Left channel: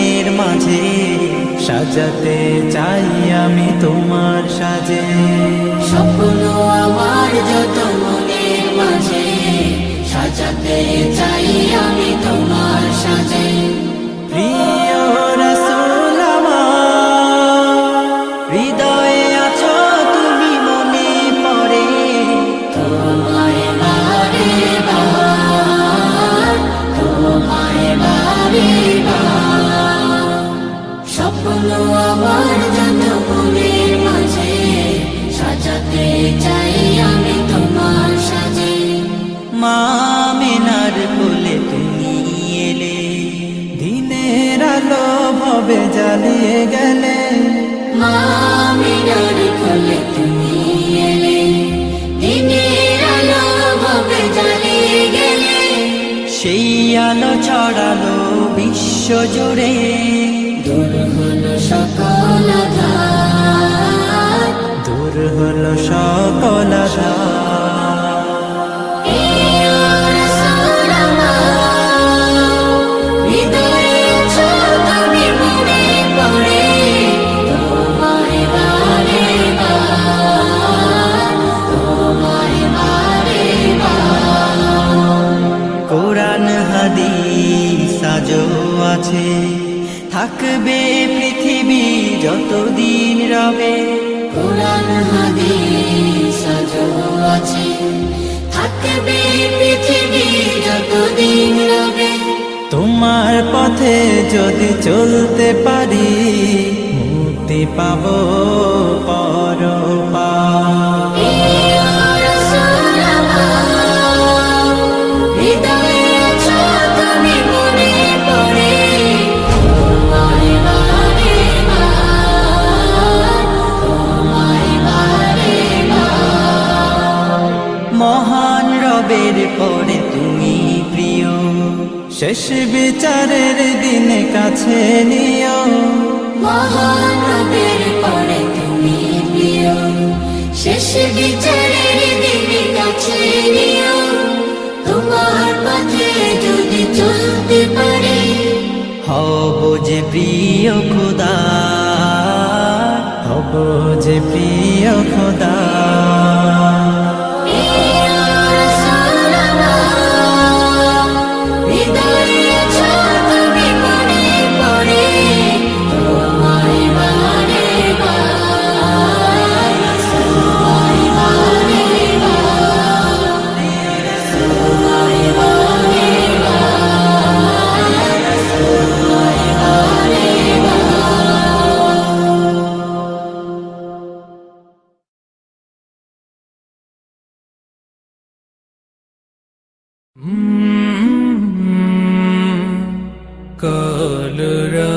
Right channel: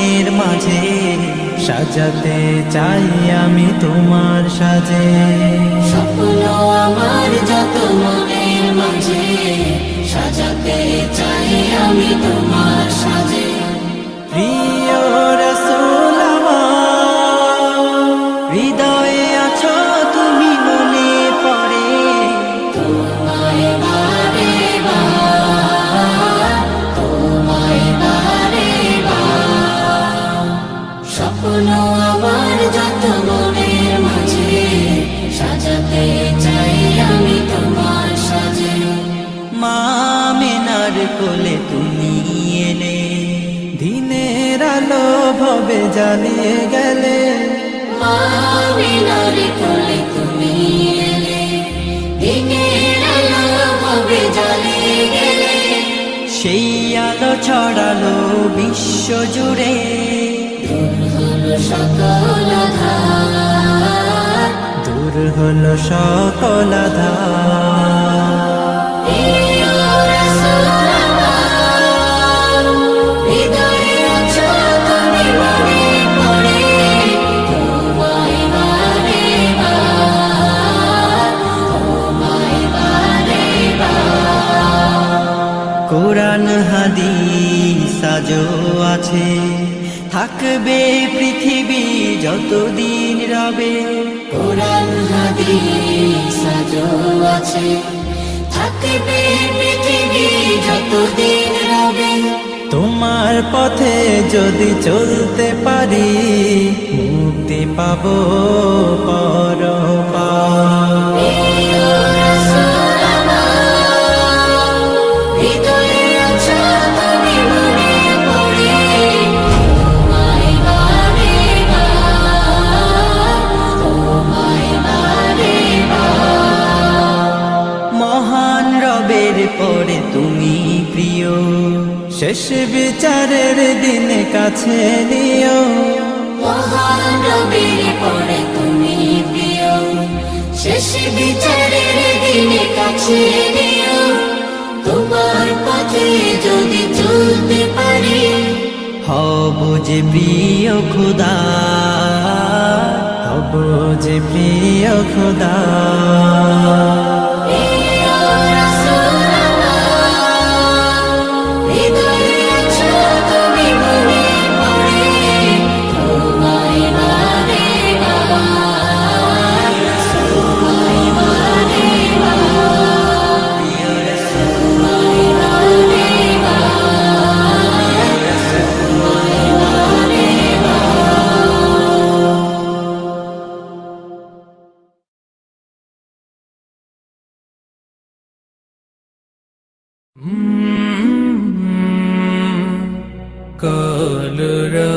মনের মাঝে সাজাতে চাই আমি তোমার সাজে। স্বপ্ন আমার যত মনের মাঝে সাজাতে চাই আমি তোমার সাজে। প্রিয় রাসূল আমার, হৃদয়ে আছো তুমি, মনে পড়ে তোমায় বারে বার, তোমায় বারে বার। স্বপ্ন আমার যত মনের মাঝে সাজাতে চাই আমি তোমার সাজে। মা আমিনার কোলে তুমি এলে, দিনের আলো ভবে জ্বালিয়ে গেলে। মা আমিনার কোলে তুমি এলে, দিনের আলো ভবে জ্বালিয়ে গেলে। সেই আলো ছড়ালো বিশ্ব জুড়ে, দূর হলো সকল আঁধার, দূর হলো সকল আঁধার। হৃদয়ে আছো তুমি, মনে পড়ে তোমায় বারে বার, তোমায় বারে বার। কোরআন হাদিস আজও আছে, থাকবে পৃথিবী যতদিন রবে। কোরআন হাদিস আজও আছে, থাকবে পৃথিবী যতদিন রবে। তোমার পথে যদি চলতে পারি, মুক্তি পাবো পরপার। হৃদয়ে আছো তুমি, মনে পড়ে তোমায় বারে বার, তোমায় বারে বার। মহান রবের পরে তুমি প্রিয়, শেষ বিচারের দিনে কাছে নিও। মহান রবের পরে তুমি প্রিয়, শেষ বিচারের দিনে কাছে নিও। তোমার পথে যদি চলতে পারি, হব যে প্রিয় খোদা, হব যে প্রিয় খোদা। হৃদয়ে আছো তুমি, মনে পড়ে তোমায় বারে বার, তোমায় বারে বার, তোমায় বারে বার, তোমায় বারে কলরা